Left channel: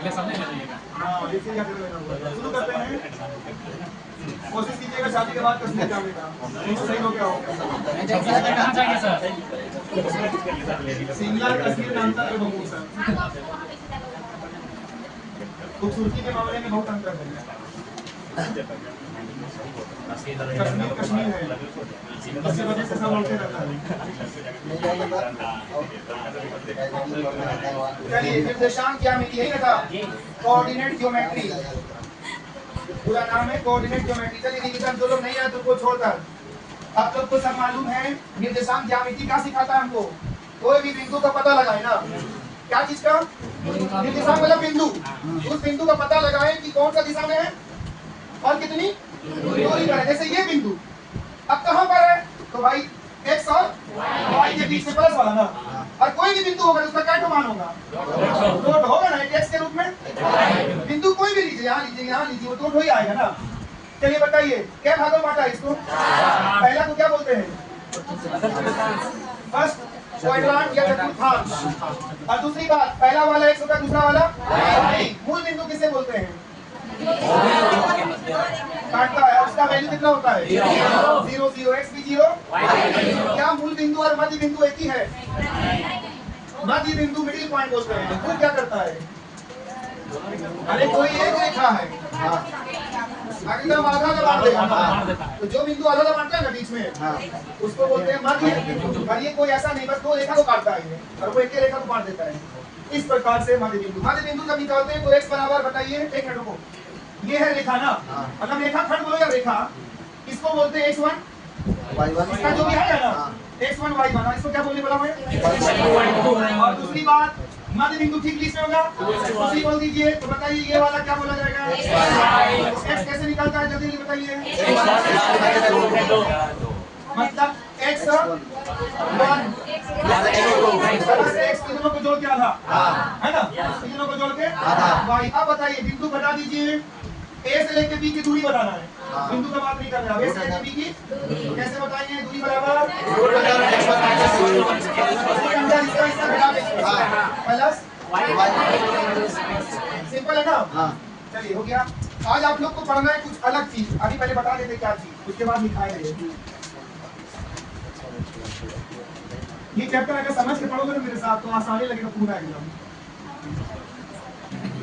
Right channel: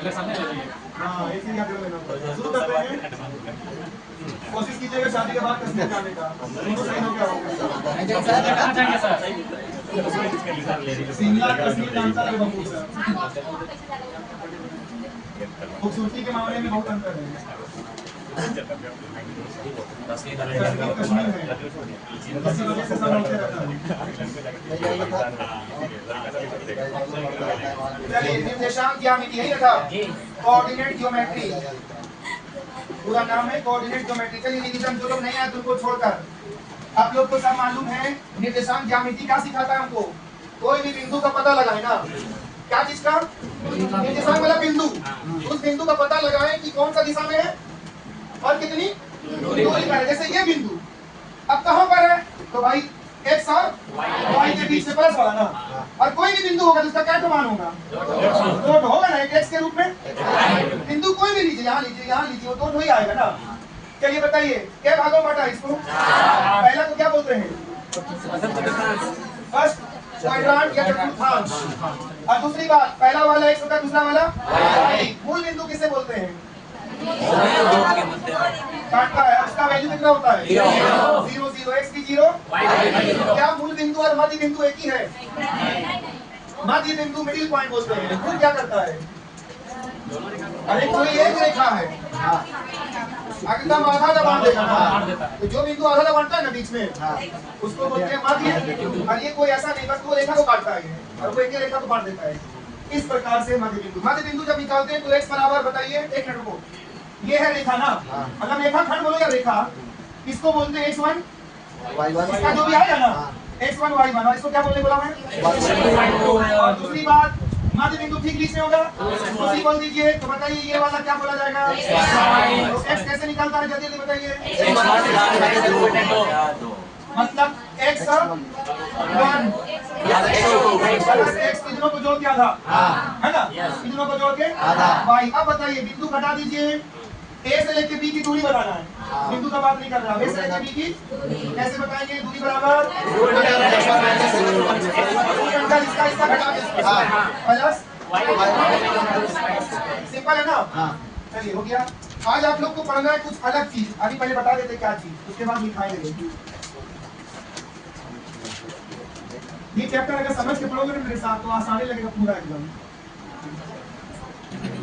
अगले सामने हाँ एक से अगले लेना। शुरू करते हैं। कोशिश कीजिएगा शादी के बाद कश्मीर जाने का। दोनों सही हो गया होगा। शिमला कश्मीर जानता है बहुत सर। खूबसूरती के मामले में बहुत अंतर है। कश्मीर है, इसी वजह से सब होते रहता है। चलिए निर्देशांक ज्यामिति यही रखा, कोऑर्डिनेट ज्योमेट्री पूरा नाम है, कोऑर्डिनेट ज्योमेट्री। चलिए रिवीजन जो लोग नहीं आए उनको छोड़कर आप लोग को सब मालूम है निर्देशांक ज्यामिति क्या सिखाता है हमको। कोई भी बिंदु का पता लगाए ना, क्या चीज का निर्देशांक वाला बिंदु, उस बिंदु का पता लगाए कि कौन सा दिशा में है और कितनी दूरी पर है। जैसे ये बिंदु अब कहां पर है, तो भाई x और y के बीच में प्लस वाला ना, और कोई भी बिंदु होगा जिसका क्या मान होगा, डॉट होगा ना x के रूप में। बिंदु कोई भी लीजिए, यहाँ लीजिए, यहाँ लीजिए, वो डॉट हो ही आएगा ना। चलिए बताइए क्या भागों में बांटा है इसको। पहला को क्या बोलते हैं, फर्स्ट क्वाड्रेंट या चतुर्थांश, और दूसरी बात पहला वाला x होता है, दूसरा वाला y। मूल बिंदु किसे बोलते हैं, काटता है, उसका वैल्यू कितना होता है 0 0 x भी 0। क्या मूल बिंदु और मध्य बिंदु एक ही है, मध्य बिंदु मिडिल पॉइंट बोलते हैं। खुद क्या करता है, अरे कोई एक रेखा है एकदम आधा दबाव देगा ना, तो जो बिंदु आधा दबाता है ना बीच में उसको बोलते हैं मध्य। और ये कोई ऐसा नहीं बस दो रेखा को काटता है और वो एक ही रेखा को काट देता है। इस प्रकार से मध्य बिंदु, मध्य बिंदु जब निकालते हैं तो x बराबर बताइए, एक मिनट को, ये है रेखा ना, मतलब रेखा खंड बोलो या रेखा, इसको बोलते हैं x1 y1, इसका जो भी आएगा ना x1 y1, और इसको क्या बोलने बोला मैं। और दूसरी बात मध्य बिंदु ठीक बीच में होगा, उसी बोल दीजिए। तो बताइए ये वाला क्या बोला जाएगा, x कैसे निकलता है जल्दी बताइए। मतलब x 1 x तीनों को जोड़ के आधा है ना, तीनों को जोड़ के y। अब बताइए बिंदु घटा दीजिए, a से लेके b की दूरी बताना है, बिंदु का बात नहीं कर रहा, a से लेके b की कैसे बताएंगे, दूरी बराबर इसका घटा के प्लस, सिंपल है ना। चलिए हो गया। आज आप लोग को पढ़ना है कुछ अलग चीज, अभी पहले बता देते क्या चीज, उसके बाद लिखाएंगे। ये चैप्टर अगर समझ के पढ़ोगे ना मेरे साथ तो आसानी लगेगा पूरा एग्जाम।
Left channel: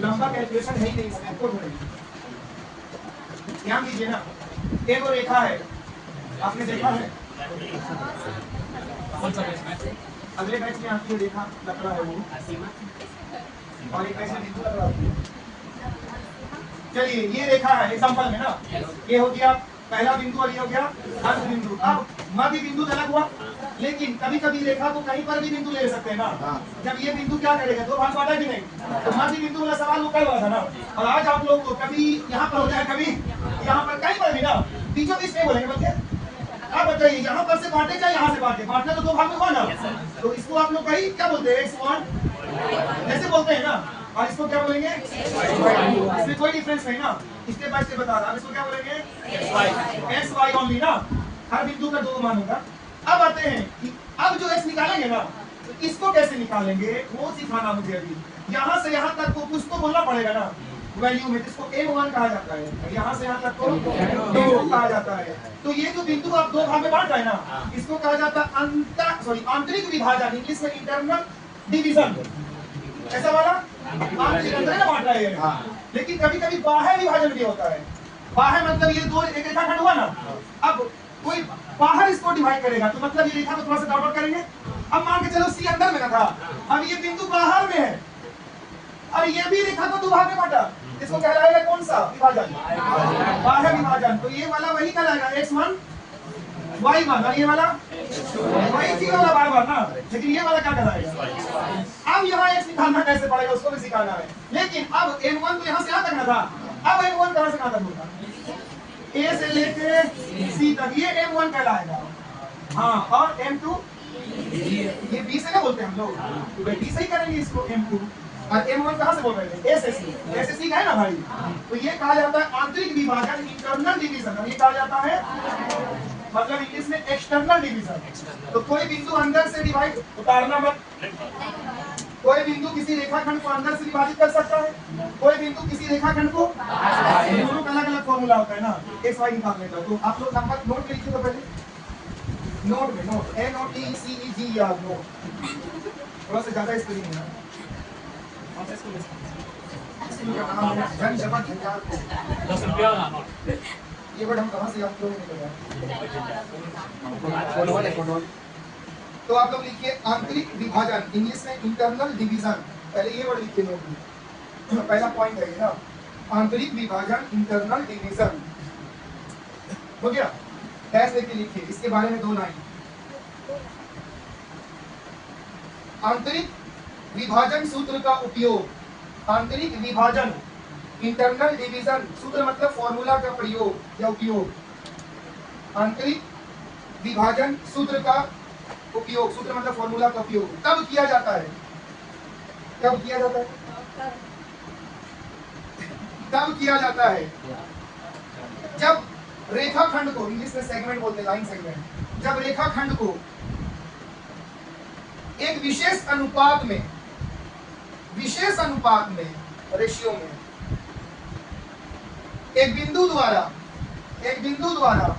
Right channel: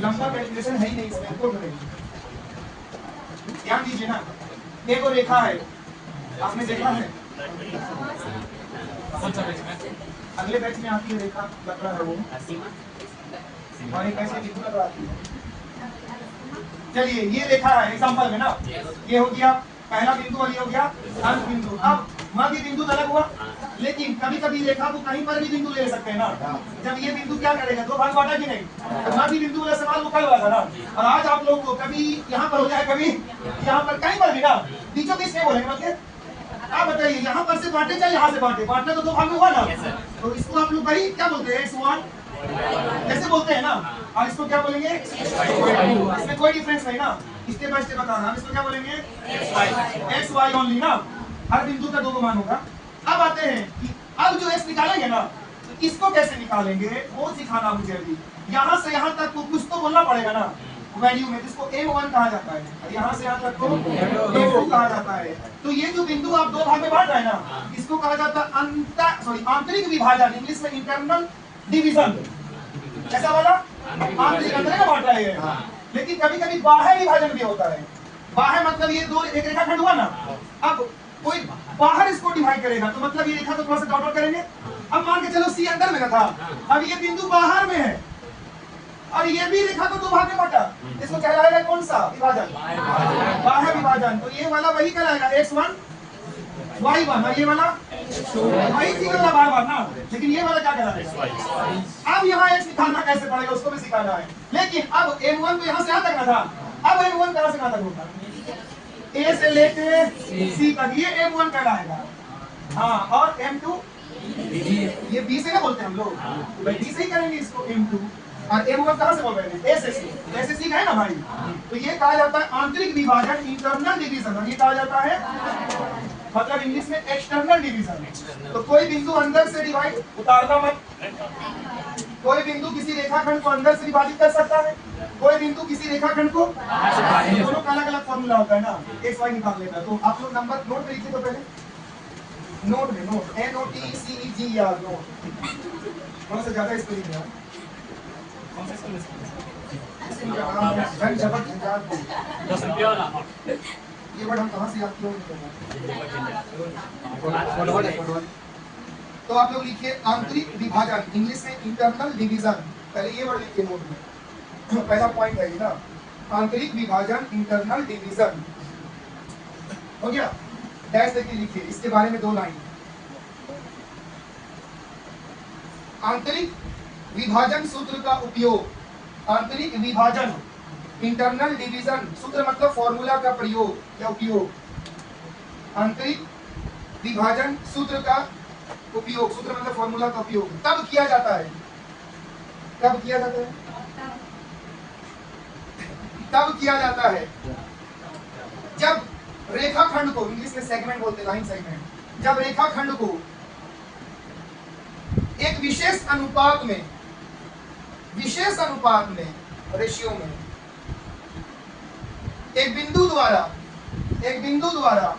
लंबा कैलकुलेशन है ही नहीं इसमें, तो ध्यान दीजिए ना। एक और रेखा है, आपने देखा है अगले बैच में आपकी रेखा लग रहा है वो, और एक ऐसे बिंदु लग रहा है। चलिए ये रेखा है एग्जांपल में ना, ये हो गया पहला बिंदु और ये हो गया अंत बिंदु। अब मध्य बिंदु अलग हुआ, लेकिन कभी कभी रेखा को कहीं पर भी बिंदु ले सकते हैं ना। जब ये बिंदु क्या करेगा, दो भाग बांटा कि नहीं, तो मध्य बिंदु वाला सवाल वो कल हुआ था ना। और आज आप लोग को कभी यहाँ पर हो जाए, कभी यहाँ पर, कहीं पर भी ना, बीचों बीच नहीं बोलेंगे। मतलब आप बताइए यहाँ पर से बांटे चाहे यहाँ से बांटे, बांटना तो दो भाग में हुआ ना, तो इसको आप लोग भाई क्या बोलते हैं, x1 ऐसे बोलते हैं ना, और इसको क्या बोलेंगे, इसमें कोई डिफरेंस नहीं ना, इसके बाद से बता रहा, इसको क्या बोलेंगे x y ओनली ना, हर बिंदु का दो मान होगा। अब आते हैं कि अब जो x निकालेंगे ना, तो इसको कैसे निकालेंगे वो सिखाना मुझे। अभी यहाँ से यहाँ तक को कुछ तो बोलना पड़ेगा ना वैल्यू में, जिसको m1 कहा जाता है, यहाँ से यहाँ तक को m2 कहा जाता है। तो ये जो बिंदु आप दो भाग में बांट रहे हैं ना, इसको कहा जाता है आंतरिक विभाजन, इंग्लिश में इंटरनल डिवीजन। ऐसा वाला आंतरिक अंदर बांट रहे हैं, लेकिन कभी कभी बाह्य विभाजन भी होता है। बाह्य मतलब ये दो रेखा खंड हुआ ना, अब कोई बाहर इसको डिवाइड करेगा, तो मतलब ये रेखा को थोड़ा सा डॉट करेंगे। अब मान के चलो सी अंदर में ना था, अब ये बिंदु बाहर में है और ये भी रेखा को दो भाग में बांटा, इसको कहलाएगा कौन सा विभाजन, बाह्य विभाजन। तो ये वाला वही कहलाएगा x1 y1, और ये वाला वही चीज होगा बार बार ना, लेकिन ये वाला क्या कहलाएगा। अब यहाँ x निकालना कैसे पड़ेगा उसको भी सिखाना है। लेकिन अब m1 तो यहाँ से यहाँ तक ना था, अब m1 कहाँ से कहाँ तक होता है, A से लेके C तक, ये m1 कहलाएगा। हाँ, और m2 ये B से क्या बोलते हैं हम लोग, भाई B से ही करेंगे इसको m2। और m1 कहाँ से बोल रहे हैं, A से C, A से C का है ना भाई। तो ये कहा जाता है आंतरिक विभाजन, इंटरनल डिवीजन। ये कहा जाता है मतलब इंग्लिश में एक्सटर्नल डिवीजन। तो कोई बिंदु अंदर से डिवाइड, उतारना मत, कोई बिंदु किसी रेखाखंड को अंदर से विभाजित कर सकता है, कोई बिंदु किसी रेखाखंड को दोनों का अलग अलग फॉर्मूला होता है ना, एक्स वाई निकालने का। तो आप लोग नंबर नोट में लिखिए, तो पहले नोट में, नोट NOTCEG या नोट, थोड़ा सा ज्यादा स्पेलिंग है ये वर्ड हम कहाँ से याद किए? तो आप लोग लिखिए आंतरिक विभाजन, इंग्लिश में इंटरनल डिवीजन, पहले ये वर्ड लिखिए नोट में, पहला पॉइंट है ये ना, आंतरिक विभाजन, इंटरनल डिवीजन, हो गया। डैश देके लिखिए, इसके बारे में 2 लाइन। आंतरिक विभाजन सूत्र का उपयोग, आंतरिक विभाजन इंटरनल डिवीजन, सूत्र मतलब फॉर्मूला का प्रयोग या उपयोग, आंतरिक विभाजन सूत्र का उपयोग, सूत्र मतलब फॉर्मूला का उपयोग तब किया जाता है, कब किया जाता है? तब किया जाता है जब रेखाखंड को, इंग्लिश में सेगमेंट बोलते हैं, लाइन सेगमेंट, जब रेखाखंड को एक विशेष अनुपात में, रेशियो में एक बिंदु द्वारा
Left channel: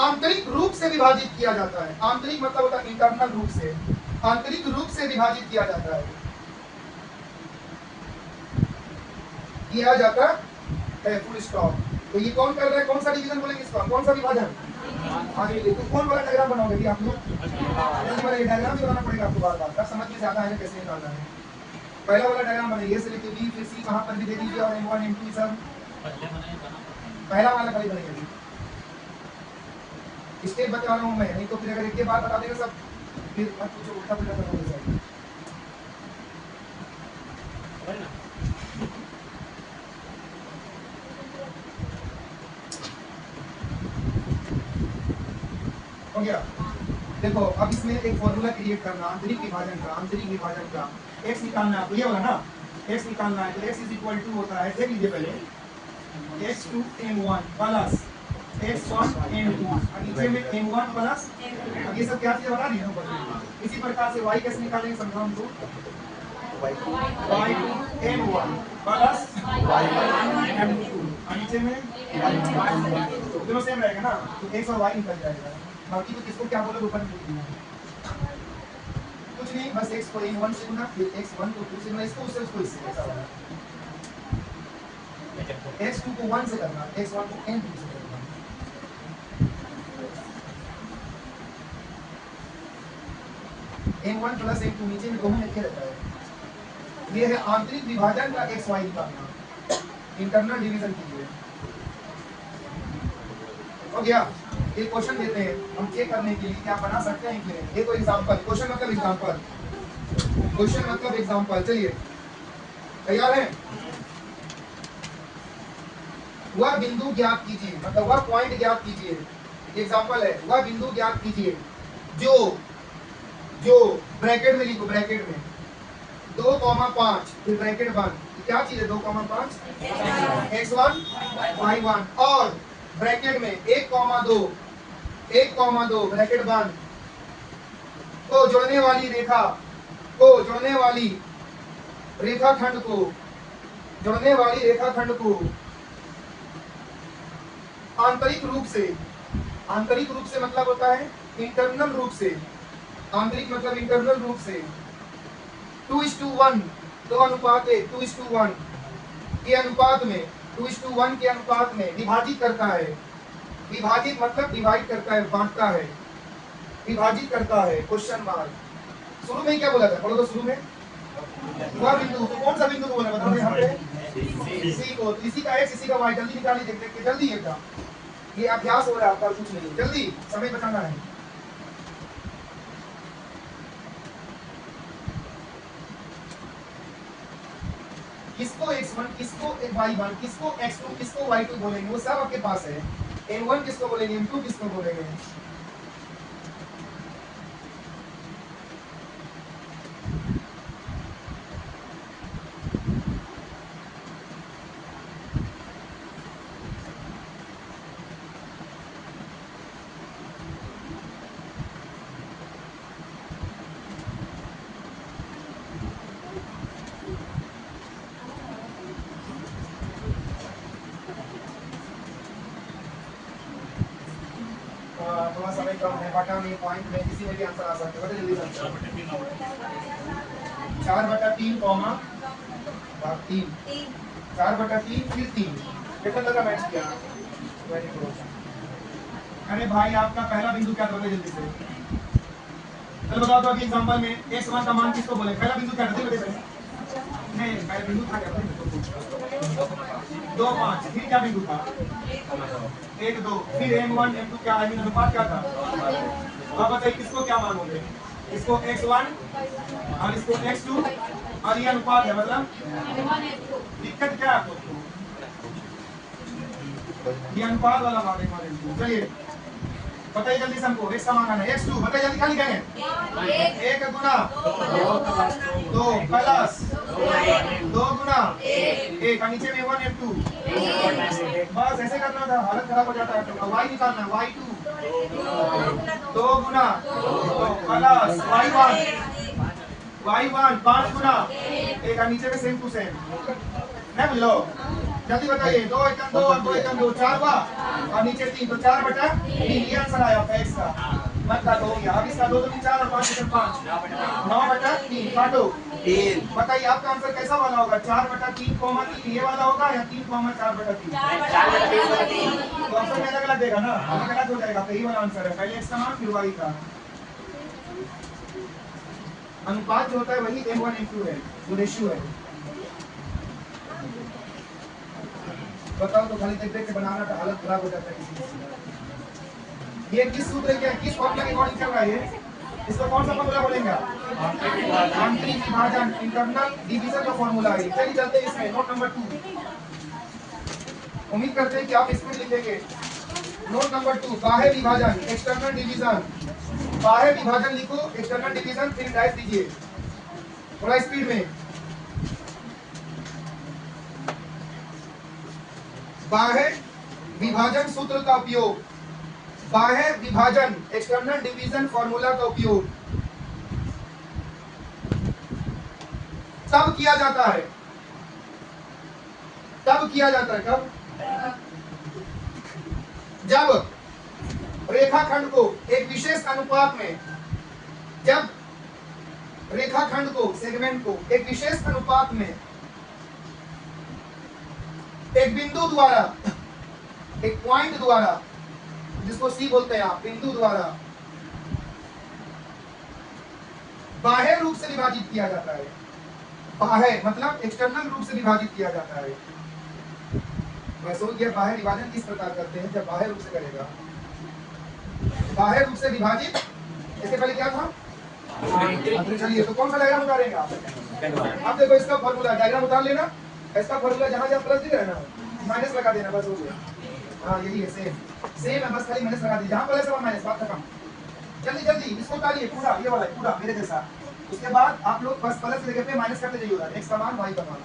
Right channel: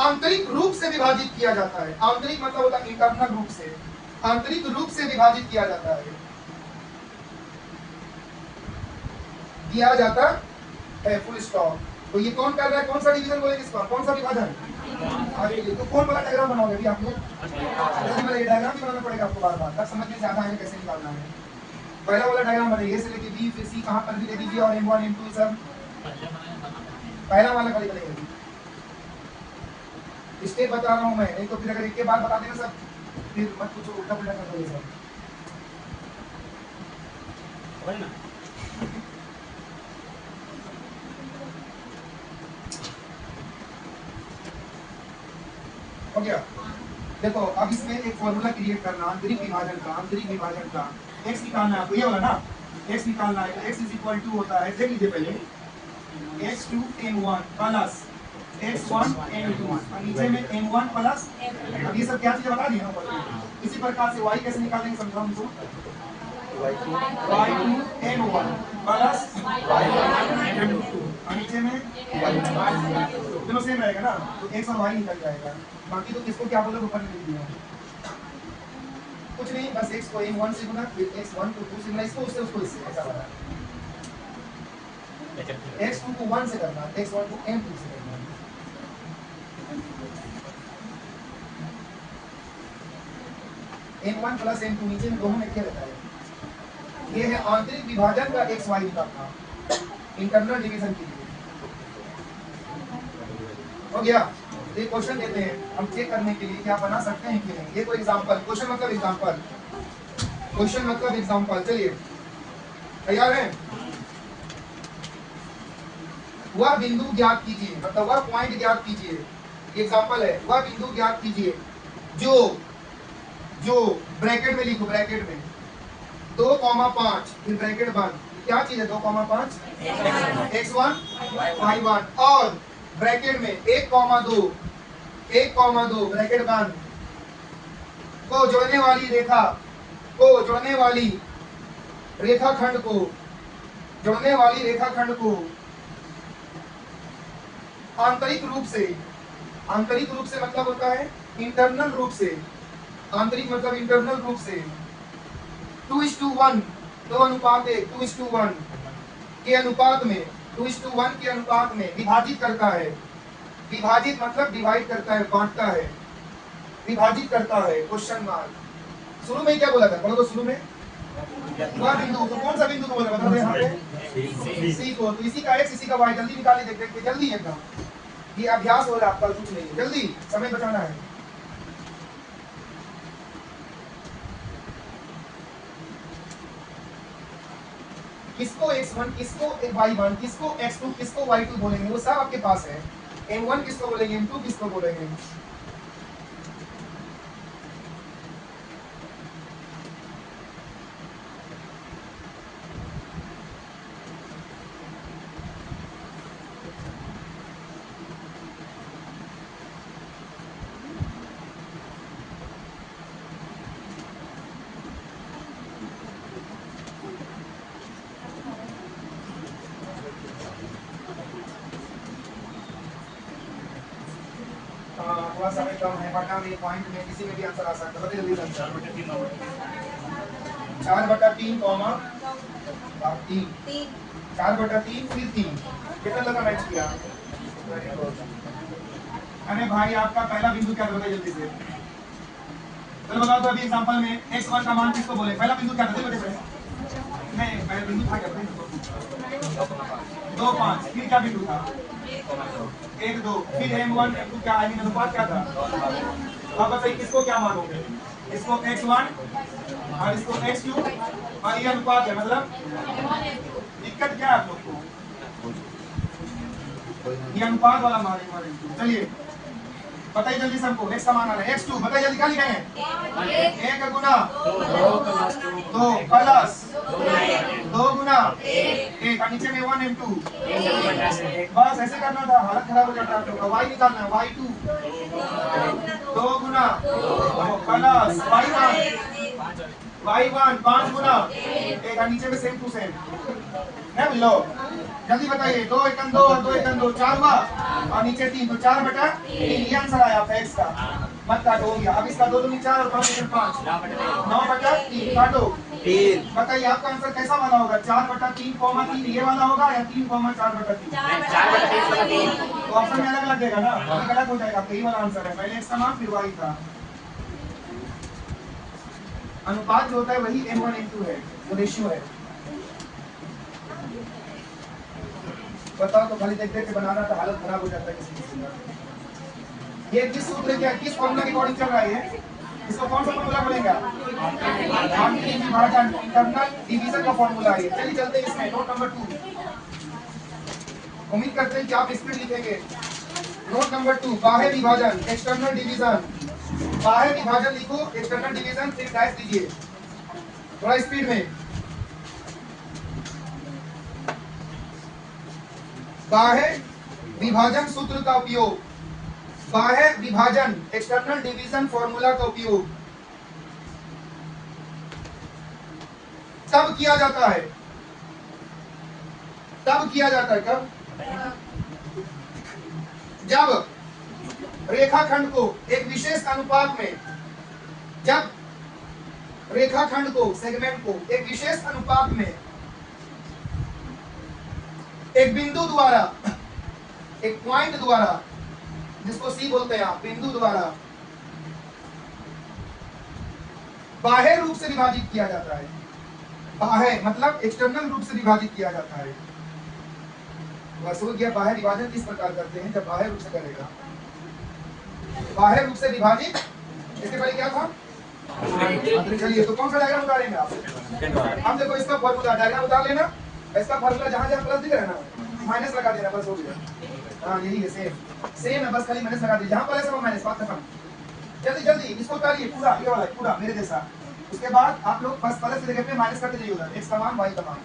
आंतरिक रूप से विभाजित किया जाता है। आंतरिक मतलब होता है इंटरनल रूप से, आंतरिक रूप से विभाजित किया जाता है, फुल स्टॉप। तो ये कौन कर रहा है, कौन सा डिवीजन बोलेंगे इसको, कौन सा विभाजन? तो कौन वाला डायग्राम बनाओगे भी आप लोग? जल्दी बनाइए, डायग्राम भी बनाना पड़ेगा आपको बार-बार, तब समझ में ज्यादा है कैसे निकालना है। पहला वाला डायग्राम बनाइए, से लेके बी, फिर सी, कहां पर भी देखिए, और M1 M2 सब पहला वाला कभी बनाइए। स्टेप बता रहा हूं मैं, नहीं तो फिर अगर एक के बाद बता देगा सब, फिर मत पूछो, उल्टा पुल्टा कर दोगे सब। हो गया। देखो अब इसमें एक फॉर्मूला क्रिएट करना, आंतरिक विभाजन का, x निकालना है आपको, ये वाला ना, x निकालना है, तो x इज इक्वल टू होता है, देख लीजिए पहले, x2 m1 plus x1 m2, और नीचे में m1 प्लस, अब ये सब क्या चीजें बता दी है ना। इसी प्रकार से y कैसे निकालेंगे समझाओ हमको, y2 m1 plus y1 m2, और नीचे में दोनों सेम रहेगा ना, तो x और y निकल जाएगा। बाकी तो किसको क्या बोलोगे ऊपर में लिख दिया, कुछ नहीं, बस x को m1 से गुना, फिर x1 को 2 से गुना, इसको उससे उसको इससे, ऐसा होगा। x2 को 1 से करना, x1 को m2 से करना। m1 प्लस m2 नीचे में दोनों लिखे रहता है। ये है आंतरिक विभाजन का x y निकालना, इंटरनल डिवीजन के लिए। हो गया। ये क्वेश्चन देते हैं हम चेक करने के लिए क्या बना सकते हैं कि नहीं। ये कोई एग्जांपल, क्वेश्चन मतलब एग्जांपल, चलिए तैयार हैं? वह बिंदु ज्ञात कीजिए, मतलब वह पॉइंट ज्ञात कीजिए, एग्जांपल है, वह बिंदु ज्ञात कीजिए जो ब्रैकेट में लिखो, ब्रैकेट में 2,5 फिर ब्रैकेट बंद, क्या चीज है 2,5 x1 y1, और ब्रैकेट में 1,2 ब्रैकेट बंद को जोड़ने वाली रेखाखंड को आंतरिक रूप से मतलब होता है इंटरनल रूप से, आंतरिक मतलब इंटरनल रूप से 2:1 2 अनुपात 1 2:1 के अनुपात में 2:1 के अनुपात में विभाजित करता है। विभाजित मतलब डिवाइड करता है, बांटता है, विभाजित करता है, क्वेश्चन मार्क। शुरू में क्या बोला था, बोलो तो शुरू में वह बिंदु, तो कौन सा बिंदु को बोले बता दो यहाँ पे, सी को। तो इसी का x इसी का y, जल्दी निकालिए, देख देख के जल्दी है का, ये अभ्यास हो रहा है आपका, कुछ नहीं, जल्दी समय बचाना है। किसको x1, किसको y1, किसको x2, किसको y2 बोलेंगे, वो सब आपके पास है। m1 किसको बोलेंगे, m2 किसको बोलेंगे। कम है, बटा में, पॉइंट में, किसी में भी आंसर आ सकता है। बताइए जल्दी से। 4/3 कॉमा 3, 4/3 फिर 3, कितना लगा मैच किया? अरे भाई आपका पहला बिंदु क्या था जल्दी से चलो बताओ। तो अभी एग्जांपल में x1 का मान किसको बोले? पहला बिंदु क्या था? बताइए नहीं, पहला बिंदु था क्या? 2 5, फिर क्या बिंदु था? 1 2, फिर m1 m2 क्या आई मीन अनुपात क्या था? अब बताइए किसको क्या मानोगे? इसको x1 और इसको x2 और ये अनुपात है, मतलब दिक्कत क्या है आप लोग को? ये अनुपात वाला मान m1 m2। चलिए बताइए जल्दी से हमको x का मान आना है। x2 बताइए जल्दी, क्या लिखेंगे? 1 गुना 2 प्लस 2 गुना 1 और नीचे में 1 m2। बस ऐसे करना था, हालत खराब हो जाता है आप लोग का। y निकालना है, y2 2 गुना 2 प्लस y1 5 गुना 1 और नीचे में सेम टू सेम। नहीं बुझलो? जल्दी बताइए। 2 1 2 और 2 1 2 4 हुआ और नीचे 3, तो 4/3 ये आंसर आया आपका x का। मत काटो, हो गया। अब इसका 2 2 4 और 5 5 9/3 काटो 3। बताइए आपका आंसर कैसा वाला होगा? 4/3 कॉमा 3 ये वाला होगा या 3 कॉमा 4/3? 4/3। तो ऑप्शन में अलग अलग देगा ना, ये गलत हो जाएगा। यही वाला आंसर है, पहले x का मान फिर y का। अनुपात जो होता है वही m1 m2 है, वो रेशियो है। बताओ तो, खाली देख देख के बनाना तो हालत खराब हो जाता है किसी किसी का। ये किस सूत्र क्या किस फॉर्मूला के अकॉर्डिंग चल रहा है? इसको कौन सा फॉर्मूला बोलेंगे? आंतरिक विभाजन, इंटरनल डिवीजन का फॉर्मूला है। चलिए चलते हैं इसमें। नोट नंबर 2, उम्मीद करते हैं कि आप स्पीड लिखेंगे। नोट नंबर 2, बाह्य विभाजन, एक्सटर्नल डिवीजन। बाह्य विभाजन लिखो, एक्सटर्नल डिवीजन फिर डैश दीजिए थोड़ा स्पीड में। बाह्य विभाजन सूत्र का उपयोग, बाह्य विभाजन एक्सटर्नल डिवीजन फॉर्मूला का उपयोग तब किया जाता है, कब जब रेखाखंड को एक विशेष अनुपात में, जब रेखाखंड को, सेगमेंट को एक विशेष अनुपात में एक बिंदु द्वारा, एक पॉइंट द्वारा, जिसको सी बोलते हैं आप, बिंदु द्वारा बाह्य रूप से विभाजित किया जाता है। बाह्य मतलब एक्सटर्नल रूप से विभाजित किया जाता है। बस हो गया। बाह्य विभाजन किस प्रकार करते हैं? जब बाह्य रूप से करेगा, बाह्य रूप से विभाजित। इसके पहले क्या था? चलिए तो कौन सा डायग्राम उतारेंगे आप? अब देखो इसका फॉर्मूला डायग्राम उतार लेना। इसका फॉर्मूला जहां जहां प्लस दिख रहा है ना, माइनस लगा देना, बस हो गया। हाँ यही है, सेम है, बस खाली माइनस लगा दीजिए। जहां प्लस है वहां माइनस, बात खत्म। जल्दी जल्दी इसको उतारिए पूरा, ये वाला पूरा मेरे जैसा। उसके बाद आप लोग बस प्लस की जगह पे माइनस करते जाइए उधर, x का मान y का मान।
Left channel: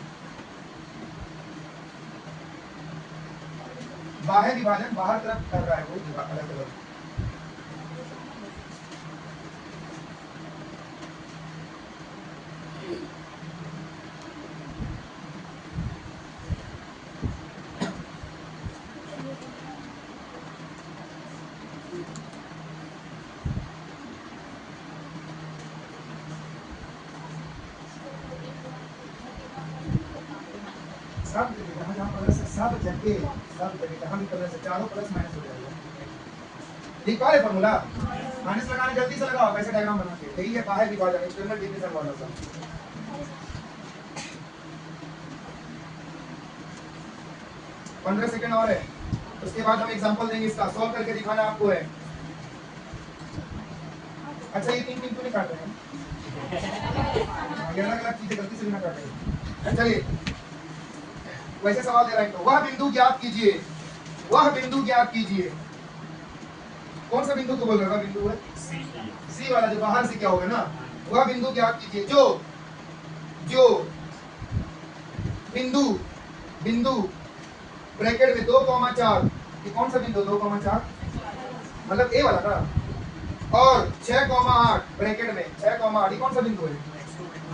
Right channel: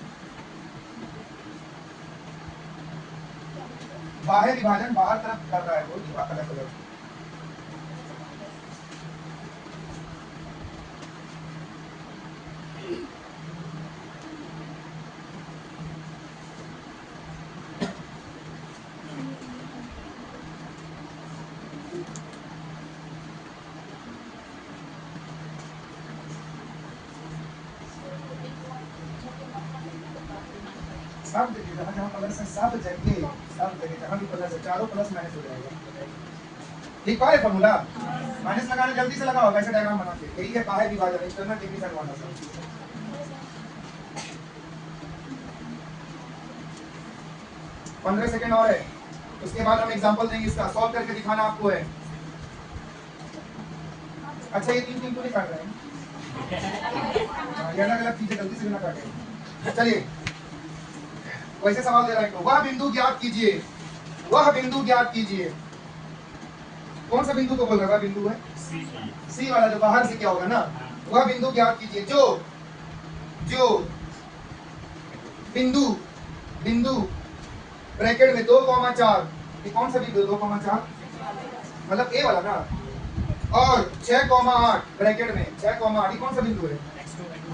बाह्य विभाजन बाहर तरफ कर रहा है वो अलग अलग। सब जगह जहाँ जहाँ प्लस है, सब जगह जहाँ भी प्लस है, चारों प्लस माइनस हो जाएगा। ठीक है फॉर्मूला, माइनस लगाना जल्दी से लगाओ वैसे डायग्राम बना के। यही है बाह्य विभाजन, एक्सटर्नल डिवीजन फॉर्मूला। 15 सेकंड और है, उसके बाद हम एग्जांपल देंगे। इसका सॉल्व करके दिखाना आपको है। अच्छा ये 3 क्यों नहीं काट रहे हैं? ये अलग अलग चीजें गलती से ना काट रहे हैं। चलिए वैसे सवाल दे रहा है तो वह बिंदु ज्ञात कीजिए, वह बिंदु ज्ञात कीजिए। कौन सा बिंदु को बोल रहा है? बिंदु है सी वाला, जो बाहर से क्या होगा ना, वह बिंदु ज्ञात कीजिए जो बिंदु ब्रैकेट में 2,4, ये कौन सा बिंदु? 2,4 मतलब ए वाला ना, और 6,8 ब्रैकेट में 6,8, ये कौन सा बिंदु है?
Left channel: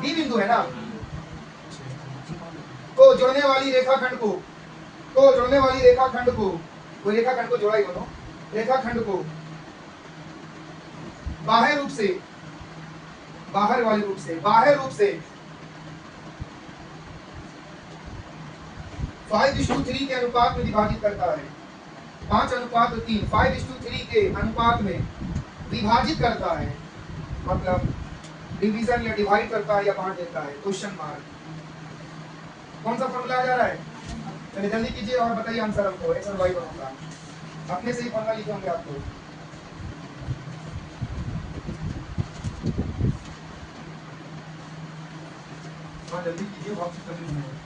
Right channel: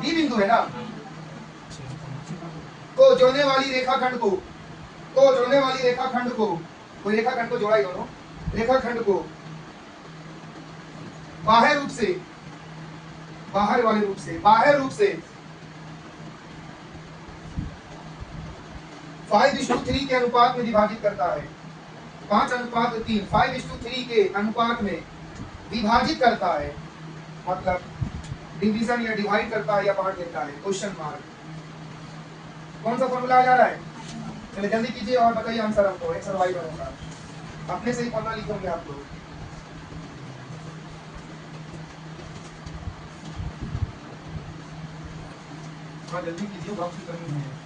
बी बिंदु है ना। को जोड़ने वाली रेखाखंड को, कोई रेखाखंड को जोड़ा ही दोनों रेखाखंड को बाह्य रूप से, बाहर वाले रूप से, बाह्य रूप से 5:3 के अनुपात में विभाजित करता है। 5:3, 5:3 के अनुपात में विभाजित करता है, मतलब डिवीजन या डिवाइड करता है या बांट देता है। Question mark. कौन सा फॉर्मूला आ जा रहा है? चलिए जल्दी कीजिए और बताइए आंसर हमको। एक्स और वाई बनूंगा, अपने से ही फॉर्मूला लिखे होंगे आप लोग। थोड़ा जल्दी कीजिए, बहुत सी करनी है।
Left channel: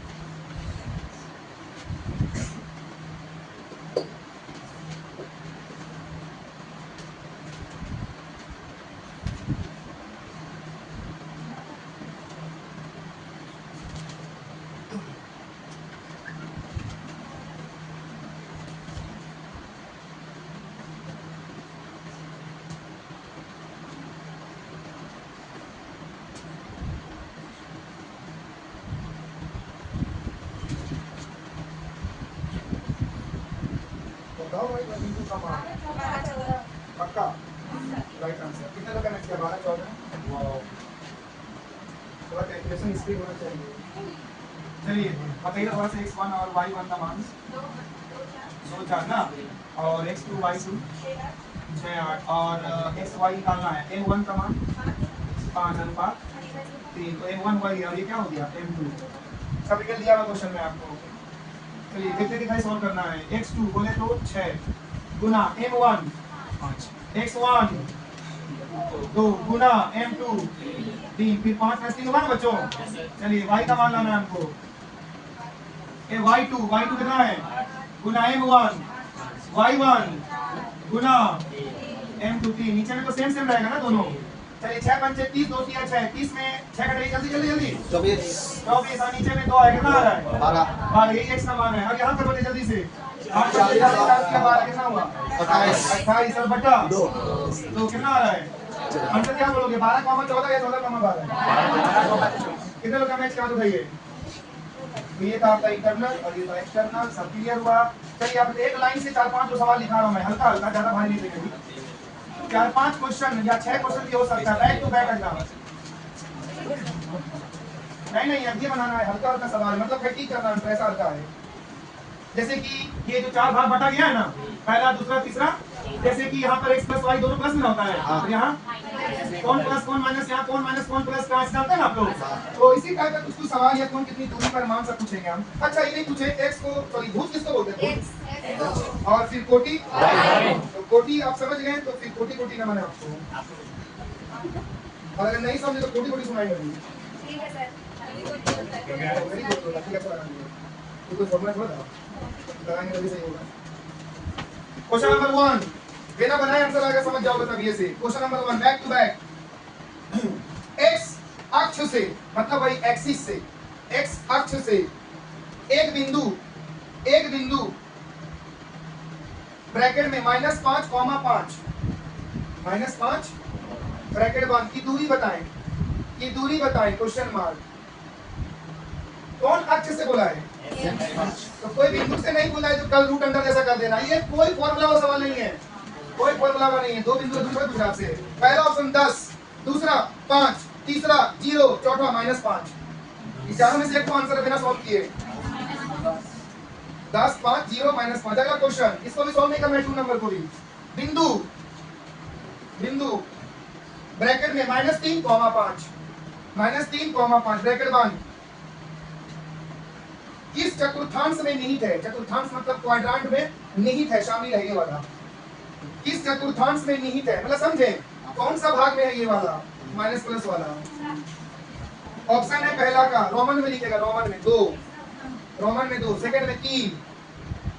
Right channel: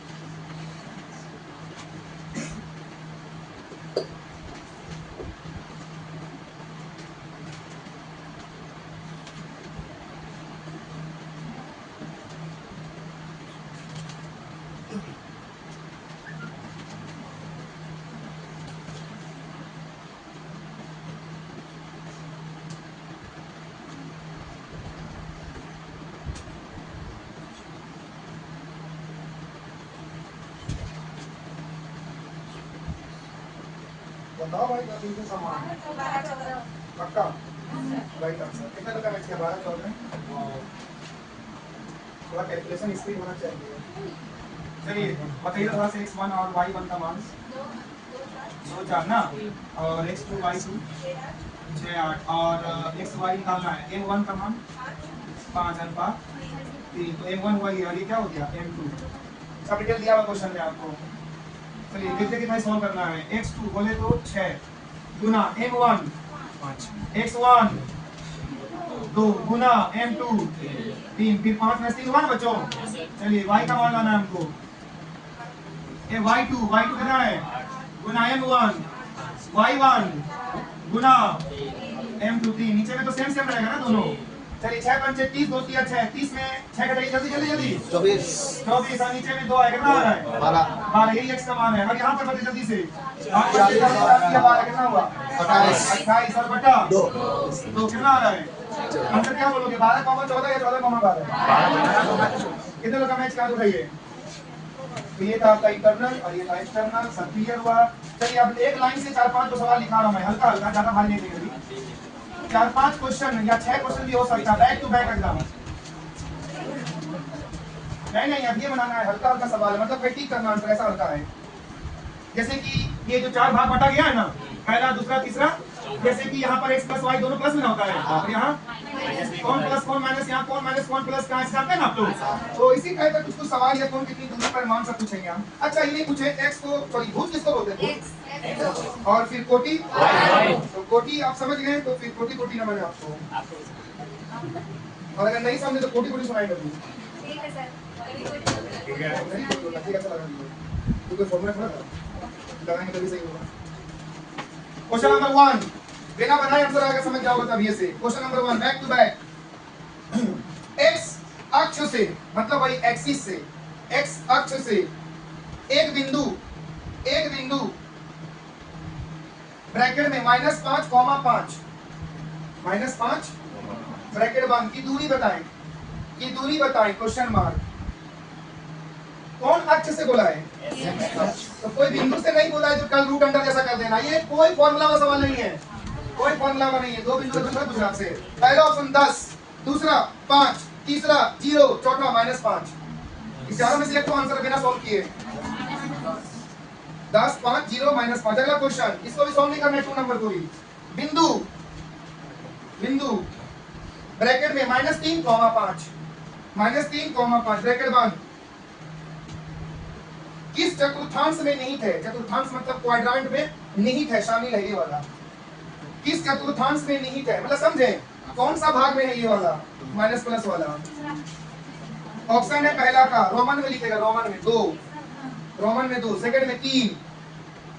बताओ भाई, बिंदु का मान पक्का राइट आंसर। कितने लगा मैच किया? 12-14। थोड़ा कैलकुलेशन स्पीड होना चाहिए। चलिए बताइए थोड़ा सा x1 और y1 का मान। 2 4 ना, और x2 y2 6 8, और xy निकालना है। m1 का मान 5:3, तो m1 वही, और ये क्या हो गया m2। सब डिटेल दिया हुआ क्वेश्चन में आपको। चलिए देखते कितना सॉल्व करना है। x2 बोले तो 6 गुना m1 5, x1 2 गुना m2 3, फिर 5 में 3 हुआ ना बच्चों। चलिए y का मान लाना है हमको। ये y2 कितना है? गुना m1 y1 गुना m2 3। नीचे में तो सेम रहेगा ना दोनों। चलिए 6 पंचे 30, 2 3 6, 30 में 6 घटाइए जल्दी जल्दी जल्दी। 24 और नीचे में 2 आएगा, कितना आ रहा है? 12। यही x का मान है। अब यहाँ पर बताइए जल्दी से। 8 कितना हुआ? 28 और बटा 2 कितना आ रहा है? आंसर क्या बोलोगे? 12,14 या 14,12? कितने लोग का मैच क्या उठाइए? तो ये था आपका इंटरनल और ये था एक्सटर्नल। सब क्लियर हुआ? चलिए अब एक लाइन से 4-5 जो सवाल लिखा रहा हूं मैं, हल्का हल्का, ज्यादा भारी नहीं देंगे। 4-5 क्वेश्चन या 6 क्वेश्चन भी हो सकता है, बैक टू बैक एग्जाम। नहीं अब ये बनाना है हल्का हल्का सवाल, मतलब प्रैक्टिस करना है, ऐसा हल्का है। जैसे कि ये जो 4 भाग बटा गया है ना, पहला दूसरा तीसरा, जैसे कि यहाँ पर x प्लस y दोनों प्लस में होता है, और यहाँ कौन प्लस कौन माइनस, यहाँ कौन माइनस कौन प्लस का जानते हैं ना आप लोग। तो इसी टाइप का कुछ सवाल या कौन कितनी दूरी पर मान सब पूछेंगे हम। अच्छा ये नहीं पूछे x को, सॉरी भुज किसको बोलते हैं, और फिर कोटि, तो कोटि आप समझ गए, तो फिर कोटि कोटि ना मैंने आपको, और अगर नहीं समझे तो कोटि कोटि सुनाएंगे। ठीक है सर, ठीक है तो कोई फॉर्मूला थोड़ा लगाएंगे तभी सही होगा। क्वेश्चन नंबर 1 बिना बनाए आंसर आएगा, समझ जाओ तब ये से। Question number 1 back to back. x अक्ष से, मतलब भाई एक्सिस से, x अक्ष से एक बिंदु ब्रैकेट में -5, -5 -5 ब्रैकेट बंद की दूरी बताएं, क्वेश्चन मार्क। कौन अक्ष से बोला है? तो कोई बिंदु से नहीं बोला है जो कल रूट अंडर जैसा कर देना। ये कोई फॉर्मूला वाला सवाल नहीं है, कोई फॉर्मूला का नहीं है। 2 बिंदु दूसरा गुजरात से, पहला ऑप्शन 10, दूसरा 5, तीसरा 0, चौथा -5। इस चारों में से एक को आंसर बिना सॉल्व किए 10 5 0 -5। अगला क्वेश्चन, इसको भी सॉल्व नहीं करना है, 2 नंबर को भी। बिंदु ब्रैकेट में -3, -5 ब्रैकेट बंद किस चतुर्थांश में निहित है? चतुर्थांश मतलब क्वाड्रेंट में निहित है, शामिल है ये वाला। किस चतुर्थांश में निहित है, मतलब समझे कौन सा भाग में है ये वाला माइनस प्लस वाला। ऑप्शन है पहला का, रोमन में लिखेगा, रोमन में 2, सेकंड में 3,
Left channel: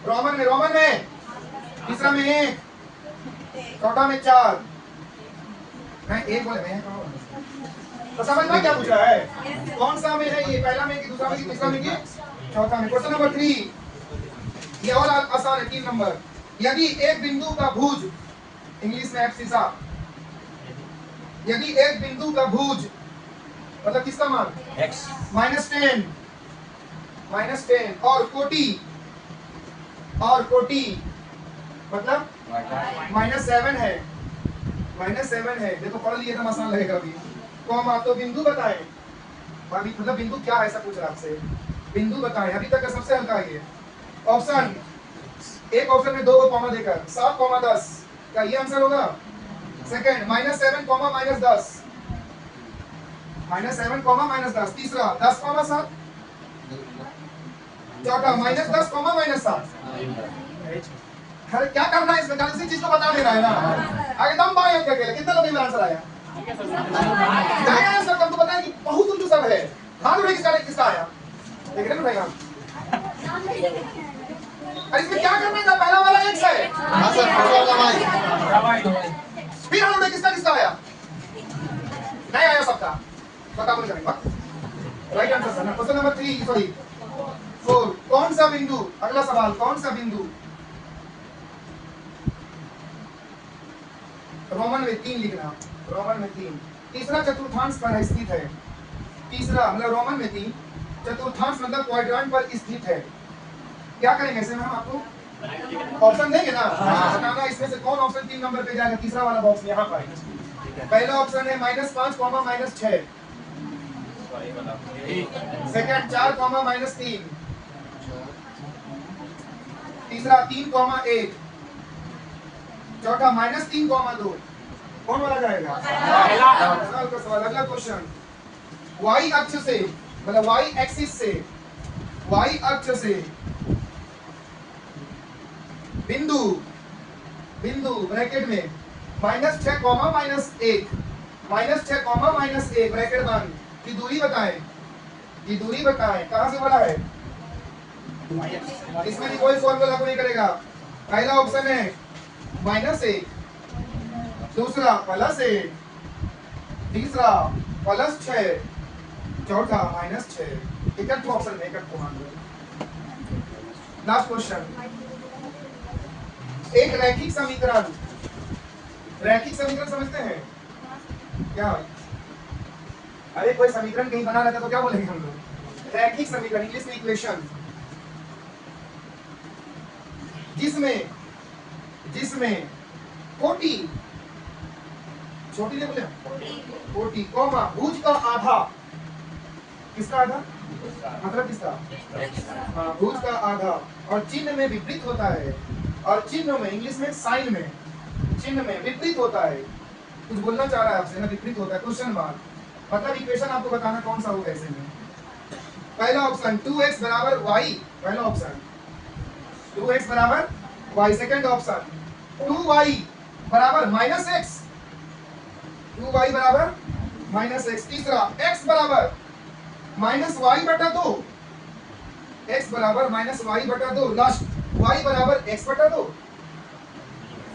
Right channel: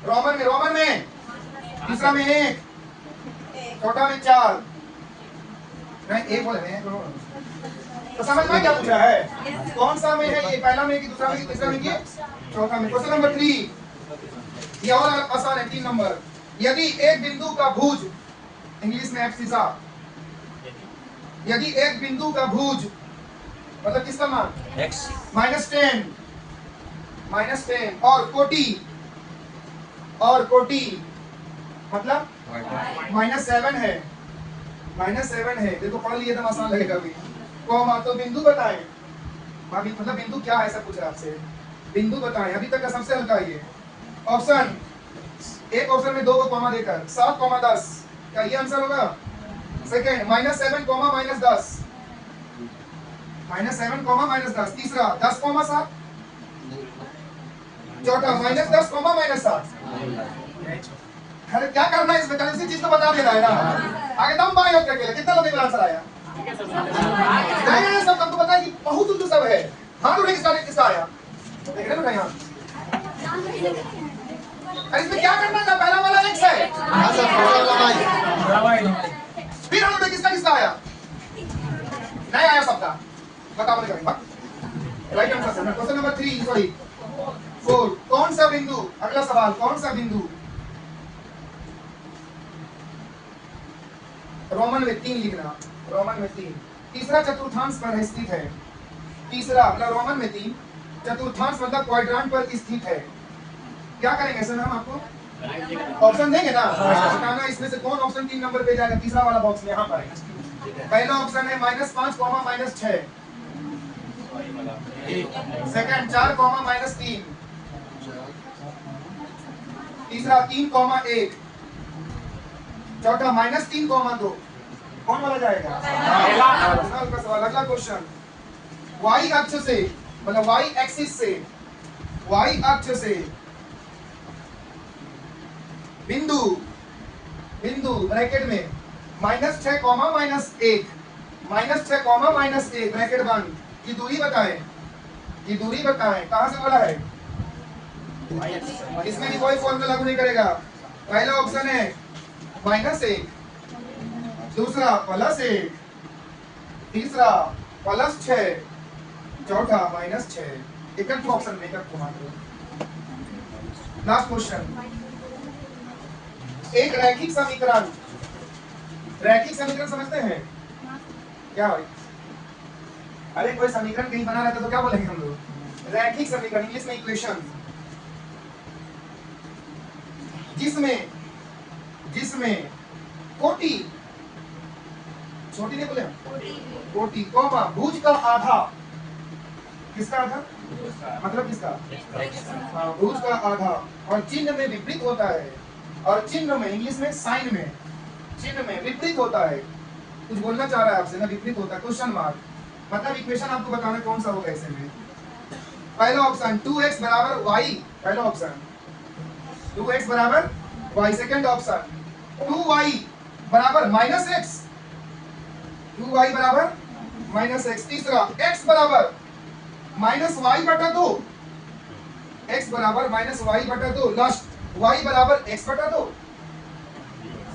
रोमन में तीसरा में 1, चौथा में 4, नहीं 1 बोले हैं। तो समझ में क्या पूछ रहा है? कौन सा में है ये, पहला में कि दूसरा में कि तीसरा में कि चौथा में। क्वेश्चन नंबर 3 ये और आसान है, 3 नंबर। यदि एक बिंदु का भुज, इंग्लिश में एब्सिसा, यदि एक बिंदु का भुज मतलब किसका मान x -10 और कोटि मतलब -7 है, -7 है, देखो पढ़ लिए तो आसान लगेगा अभी। कॉमा, तो बिंदु बताएं भाभी, मतलब बिंदु क्या है ऐसा पूछ रहा आपसे, बिंदु बताएं। अभी तक का सबसे हल्का ये ऑप्शन, एक ऑप्शन में 2 को कॉमा देकर 7, 10, क्या ये आंसर होगा? सेकंड -7, -10, -7, -10, तीसरा 10, 7, चौथा -10, -7। अरे क्या करना है इसमें, इसी चीज को बता देना है ना। आगे दम बाएं होकर के कितना लोग आंसर आया? सब तुम तो बताएं कि बहुत उल्लू सब है। हाथ उठे किसका आया? देख रहे हो भाई, अरे इसमें क्या करना था? पहला वाला x है। हां सर, पहला वाला फिर हाथ उठे किसका आया? नहीं आया सबका, बता मुझे कभी right answer sir. Question number 3 sorry 4, कौन सा बिंदु, अगला सवाल, कौन सा बिंदु रोमन में 3 लिखना, रोमन में 3 तीसरा चतुर्थांश पर स्थित है। तीसरा मतलब रोमन में 3 चतुर्थांश मतलब क्वाड्रेंट पर स्थित है। क्या करेंगे सर हम आपको ऑप्शन देंगे ना, बताना इसमें से कौन ऑप्शन 3 नंबर पे जाएगा। तीसरा वाला बॉक्स में यहाँ पर पहला ऑप्शन है -5, -6, सेकंड 4, -3, तीसरा 3, 1, चौथा -3, 2। कौन वाला जाएगा? अगला क्वेश्चन, y अक्ष से मतलब y एक्सिस से, y अक्ष से बिंदु ब्रैकेट में -6, -1, -6, -1 ब्रैकेट बंद की दूरी बताएं। ये दूरी बताएं कहां से बोला है? इसमें भी कोई फॉर्मूला लागू नहीं करेगा। पहला ऑप्शन है -1, दूसरा +1, तीसरा +6, चौथा -6। एक ऑप्शन में एक को मान लो। लास्ट क्वेश्चन, एक रैखिक समीकरण समझते हैं क्या भाई? अरे कोई समीकरण कहीं बना रहता तो क्या बोलेंगे हम लोग? रैखिक समीकरण, इंग्लिश में इक्वेशन, जिसमें कोटि, छोटी नहीं बोले, कोटि कॉमा भुज का आधा, किसका आधा मतलब किसका? भुज का आधा, और चिन्ह में विपरीत होता है, और चिन्ह में इंग्लिश में साइन में, चिन्ह में विपरीत होता है। कुछ बोलना चाह रहा है आपसे ना, विपरीत होता है, क्वेश्चन मार्क। मतलब इक्वेशन आपको बताना कौन सा होगा ऐसे में। पहला ऑप्शन 2x बराबर y, पहला ऑप्शन 2x बराबर y, सेकंड ऑप्शन 2y बराबर -x, 2y बराबर -x, तीसरा x बराबर -y/2, x बराबर -y/2, लास्ट y बराबर x/2,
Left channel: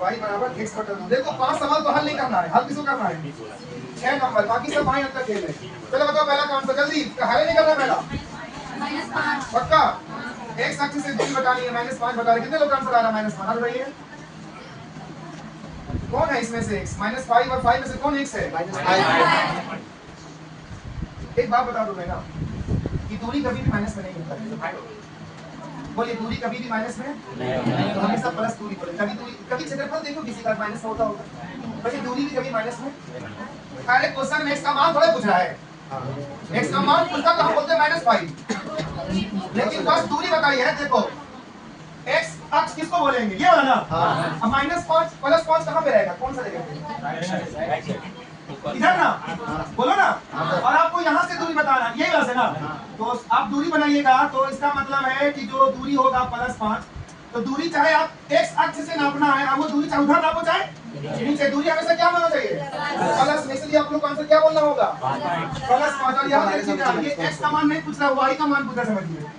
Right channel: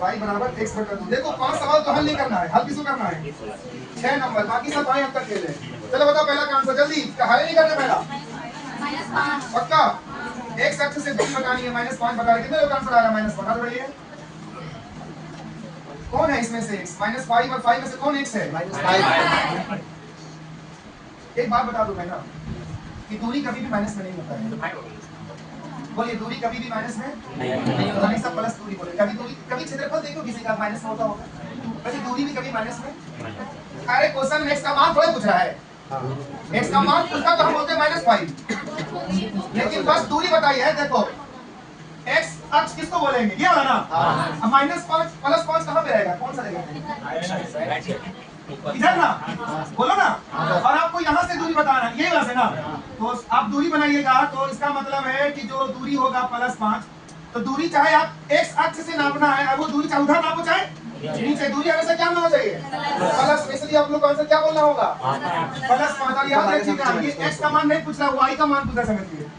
y बराबर x/2। देखो 5 सवाल तो हल नहीं करना है, हल किसको करना है? 6 नंबर, बाकी सब बाएं अंक खेल है। चलो बताओ पहला काम तो जल्दी, हल नहीं करना पहला -5 पक्का। x अक्ष से दूरी बतानी है, -5 बता रहे। कितने लोग आंसर आ रहा है? -5 हल रही है। कौन है इसमें से x? -5 और 5 में से कौन x है? -5। एक बात बता दूं मैं ना कि दूरी कभी भी माइनस में नहीं होता है। बोलिए, दूरी कभी भी माइनस में नहीं, हमेशा प्लस दूरी बोले। कभी क्षेत्रफल देखो किसी का माइनस में होता होगा, बल्कि दूरी भी कभी माइनस में। अरे क्वेश्चन में x का मान थोड़ा पूछ रहा है, x का मान पूछता तो हम बोलते हैं -5, लेकिन बस दूरी बताई है। देखो x अक्ष किसको बोलेंगे? ये वाला ना। अब -5 +5 कहाँ पे रहेगा? कौन सा रहेगा? इधर ना, बोलो ना। और आपको यहाँ से दूरी बताना, ये वाला से ना। तो आप दूरी बनाइएगा तो इसका मतलब है कि जो दूरी होगा +5, तो दूरी चाहे आप x अक्ष से नापना है, अब वो दूरी चाहे उधर नापो चाहे नीचे, दूरी हमेशा क्या होना चाहिए? प्लस। इसलिए आप लोग कौन सा क्या बोलना होगा? +5। और यहाँ एक चीज है, ये x का मान नहीं पूछ रहा, y का मान पूछ रहा, समझिए।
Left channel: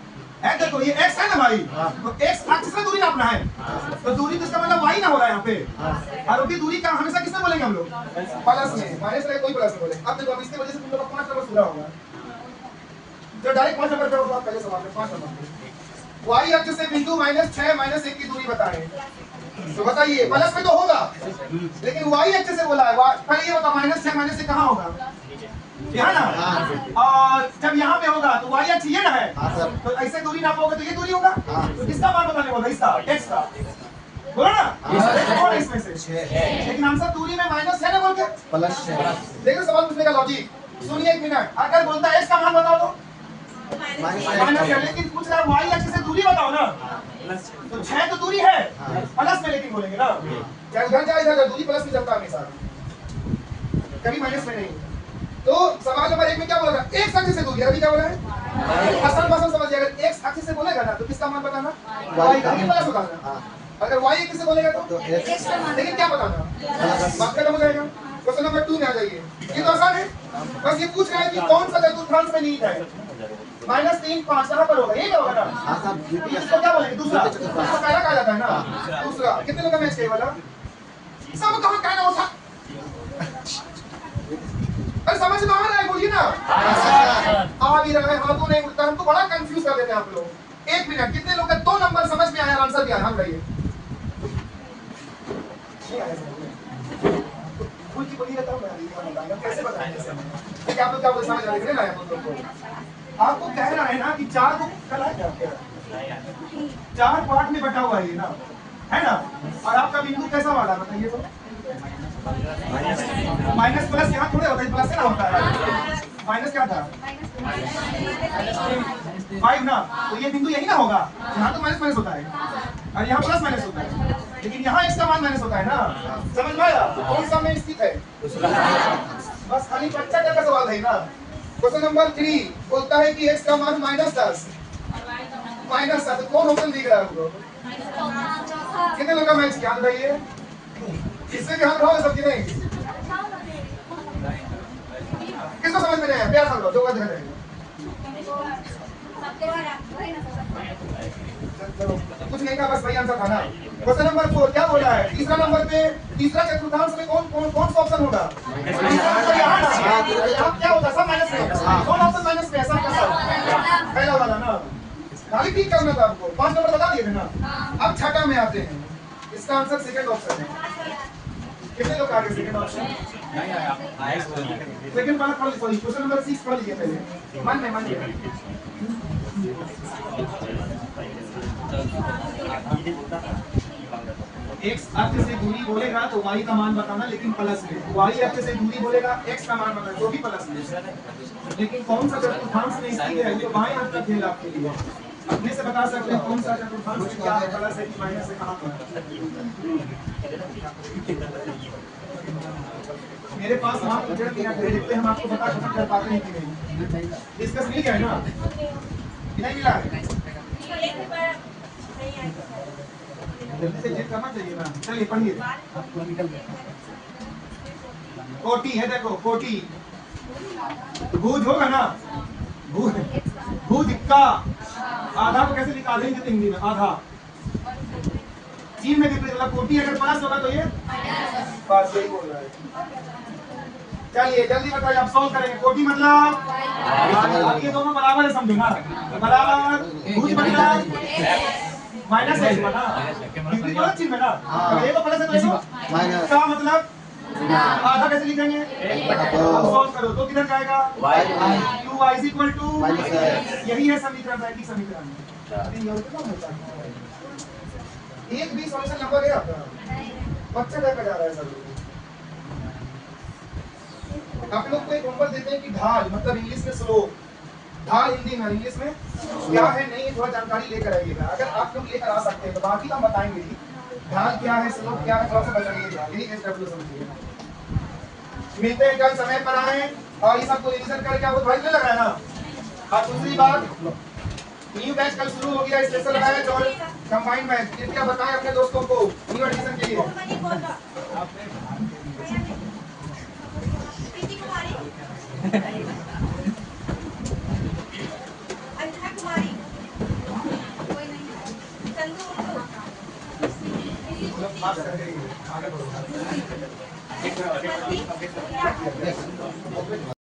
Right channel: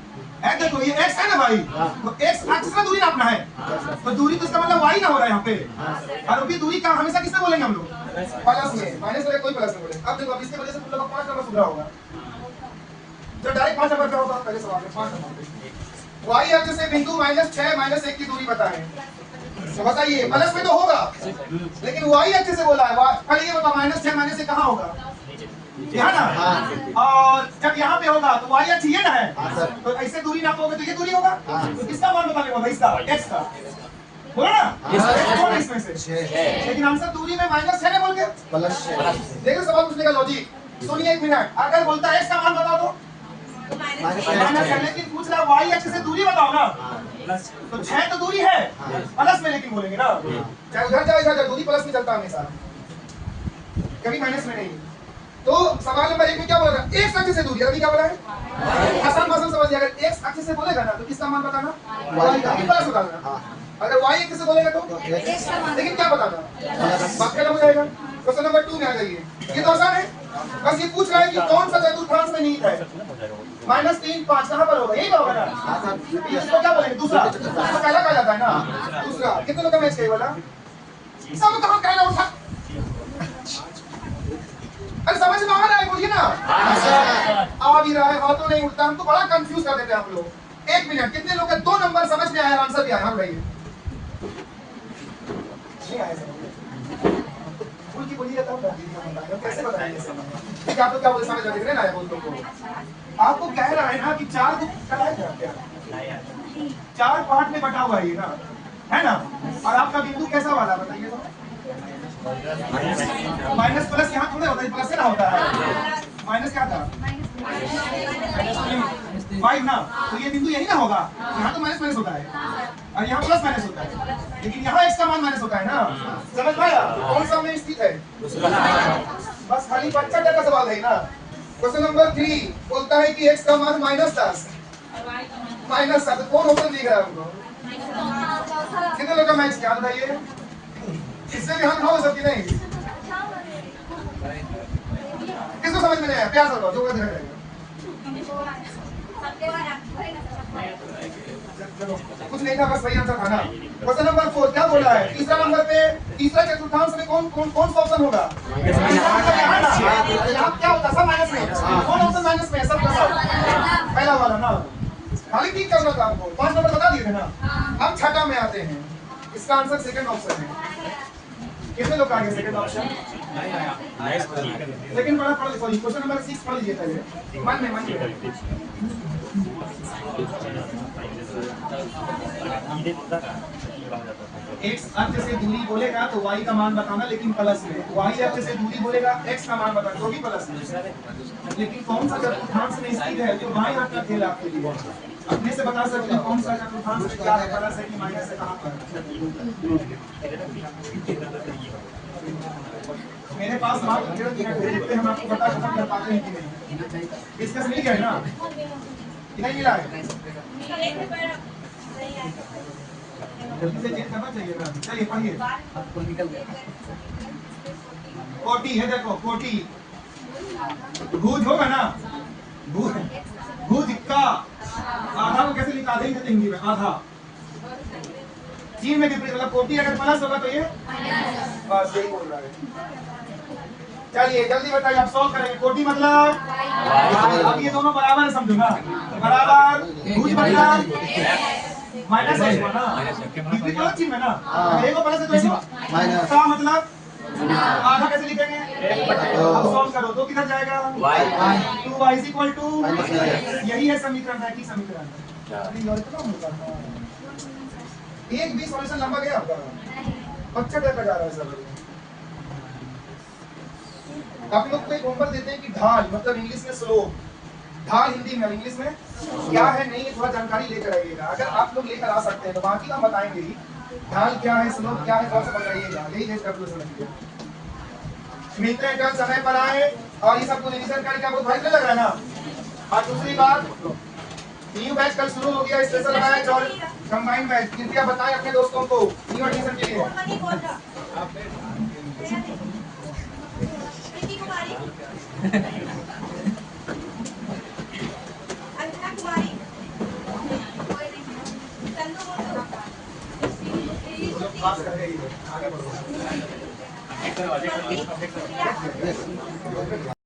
है देखो ये x है ना भाई, तो x अक्ष से दूरी नापना है, तो दूरी तो इसका मतलब y ना हो रहा है यहाँ पे। और अभी दूरी का हमेशा किससे बोलेंगे हम लोग? प्लस में। माइनस में कोई प्लस में बोले। अब देखो इसके वजह से तुम लोग का 5 नंबर सुधरा होगा, जो डायरेक्ट 5 नंबर पे होगा। पहले सवाल में 5 नंबर y अक्ष से बिंदु -6, -1 की दूरी बताएं। तो बताइए, प्लस में तो होगा, लेकिन y अक्ष से बोला है। पहले ये बता -6 -1 कहाँ होगा? यहाँ ना। और जब यहाँ पे होगा तो y अक्ष ये ना है, तो ऐसे दूरी नापोगे तो ये दूरी होगा। तो किसका मान बताने बोला? इसका, x का। बोलो ना, कौन है इसमें से? लेकिन आंसर दूरी में माइनस है ना बोल के प्लस 6। देखो सवाल पूछने का लॉजिक सुनिए एक मिनट। अगर बोलता है इसका मान बता दो माइनस है, लेकिन पूछ रहा है वाई एक्सिस से दूरी बताओ ना, तो 6 तो दूरी है प्लस में, लेकिन बोलेंगे ना चाहे उधर जाए इधर जाए दूरी प्लस में चलता है हमेशा, कभी माइनस में नहीं। तो सवाल नंबर 1 में क्या बोला था? x एक्सिस से दूरी, अभी क्या बोला है? असल मसल समझिए, अगर x एक्सिस से बोलेगा ना तो किसका मान बताना? y का, ये प्लस बताना। अगर y एक्सिस से बोलेगा तो लेकिन क्या बताना? बात खत्म हो जाएगा। क्वेश्चन नंबर 2 में आ जाइए, ये तो आसान है, बस ये पूछ रहा है कि कौन सा चतुर्थांश में निहित है? -3 5 कहां पर होगा? यही तो होगा ना, इसको क्या बोलेंगे? दूसरा, इसको पहला कहा जाता है ना दूसरा। कितने लोग का मैच खेल वाला सब कहां कहना उठा, अरे समझ में आ रहा है? बोलिए ना, आ भी रहा है, हाथों नहीं उठता, हमको बड़ा कंफ्यूज कर देते हैं आप लोग। 1 मिनट, कितने लोग का 2 नंबर समझ में आया, आंसर भी आया? हाँ बताइए, नहीं आया भूल की बोलिए तब बताएंगे कैसे बताएंगे। ठीक है, आप लोग क्या बोल समझ रहे हैं ना? बोल लोग को आपको कहना है ना कि 4 को कल है क्या 4 पार्ट में बटा हुआ है ये ना, है ना? और आपका बिंदु कैसा वाला बताइए तो? माइनस प्लस यहाँ थोड़े होता है, प्लस से ना होता है, माइनस क्या था? -5 ना, तो ये बिंदु यही ना होगा, यहाँ तो माइनस माइनस होता है और यहाँ प्लस माइनस होता है, लेकिन यहाँ x का मान माइनस होता है ना। समझ में आया? कौन सा में स्थित है? बस खाली बच्चा क्या का सवाल है ना। क्वेश्चन नंबर 3 बोलता है कि x का मान -10 -7, कौन ऑप्शन दिख रहा है हमको? कितने लोग का मैच क्या बताइए? इससे भी हम खाओ सबकी नहीं, किसको समझ में नहीं आया? प्यार से जो कर रहे हैं कुछ नहीं था, बस वही आंसर था ना। क्वेश्चन नंबर 4 क्या बोल रहा है? तीसरा नंबर पे तीसरा चतुर्थांश में कौन कौन कौन सा ऑप्शन होगा? यहाँ क्या होता है? सब माइनस में, कौन ऑप्शन माइनस में है? सब का सब पहला वाला ना, खाली ठीक करना था आपको, 5 नंबर बता दिए थे ना। अब छठा में आते हैं, इसका आंसर सेकंड ऑप्शन है। कितने लोग आगे सेकंड ऑप्शन? सेकंड वाला पढ़, सॉरी क्वेश्चन नंबर 6 पढ़ लीजिए पहले, मन में x अक्ष से दूरी बोलेगा तो y का मान बताना, लेकिन प्लस में। y अक्ष से दूरी बोलेगा x का मान बताना, तो भी प्लस में। लेकिन कौन सा चतुर्थांश में स्थित है? जो बाएं हाथ का खेल आपके लिए, अपने से बता सकते हैं कौन सा चतुर्थांश में क्या है, प्लस है कि माइनस है, कहां पर? मेरे पास मात्र 1.5 मिनट है, देखते हैं हम आपको बता कर पाते हैं कि नहीं। डिस्कस नहीं किया ना, नहीं मिला है, जल्दी से चेक करना चाहिए ना। चलिए पढ़िए, कोटि है, देखो कोटि, भुज होगा ना, भुज भुज का आधा को कैसे निकाल देंगे हिंदी में? आधा चीन में कितने, मतलब कोटि अगर प्लस होगा तो ये बस यही बोल रहा है। चलिए जल्दी बताइए, आप सॉल्व करेंगे। कोटि मतलब अब ये दोनों बराबर है, समझो ना, बराबर। भुज मतलब माइनस है ना, कितनी प्लस चिन्ह है ना, अगर एक को प्लस है तो इसको माइनस का मतलब आधा कैसे लिखेंगे? अब सॉल्व करो तो किधर जाएगा? 2y = यही है समीकरण, रैखिक समीकरण। और कितना होता है? एक भी सॉल्यूशन नंबर है आपका, बच्चा टाइप का जा रहा है सर। आप लोग को एक होमवर्क देते हैं कि ढाल मतलब इंग्लिश में स्लोप, ढाल हिंदी में, इंग्लिश में क्या है नहीं, थोड़ा जानकारी लेकर आइएगा। अगर आप लोग लेकर आ सकते हैं तो बाकी तो हम बताएंगे ही, ढाल क्या है, स्लोप क्या है, थोड़ा सा बताइएगा, यही है स्टेप समझिए। मिलते हैं कल, समय पर आए और ये सबको रिवीजन करके आपको भाई लग रहा है ना। और दूसरी बात, न्यू बैच कल शुरू हो गया, स्पेशल बैच और कंबाइंड बैच, कृपया बताएं अपने दोस्तों को न्यू एडमिशन के लिए।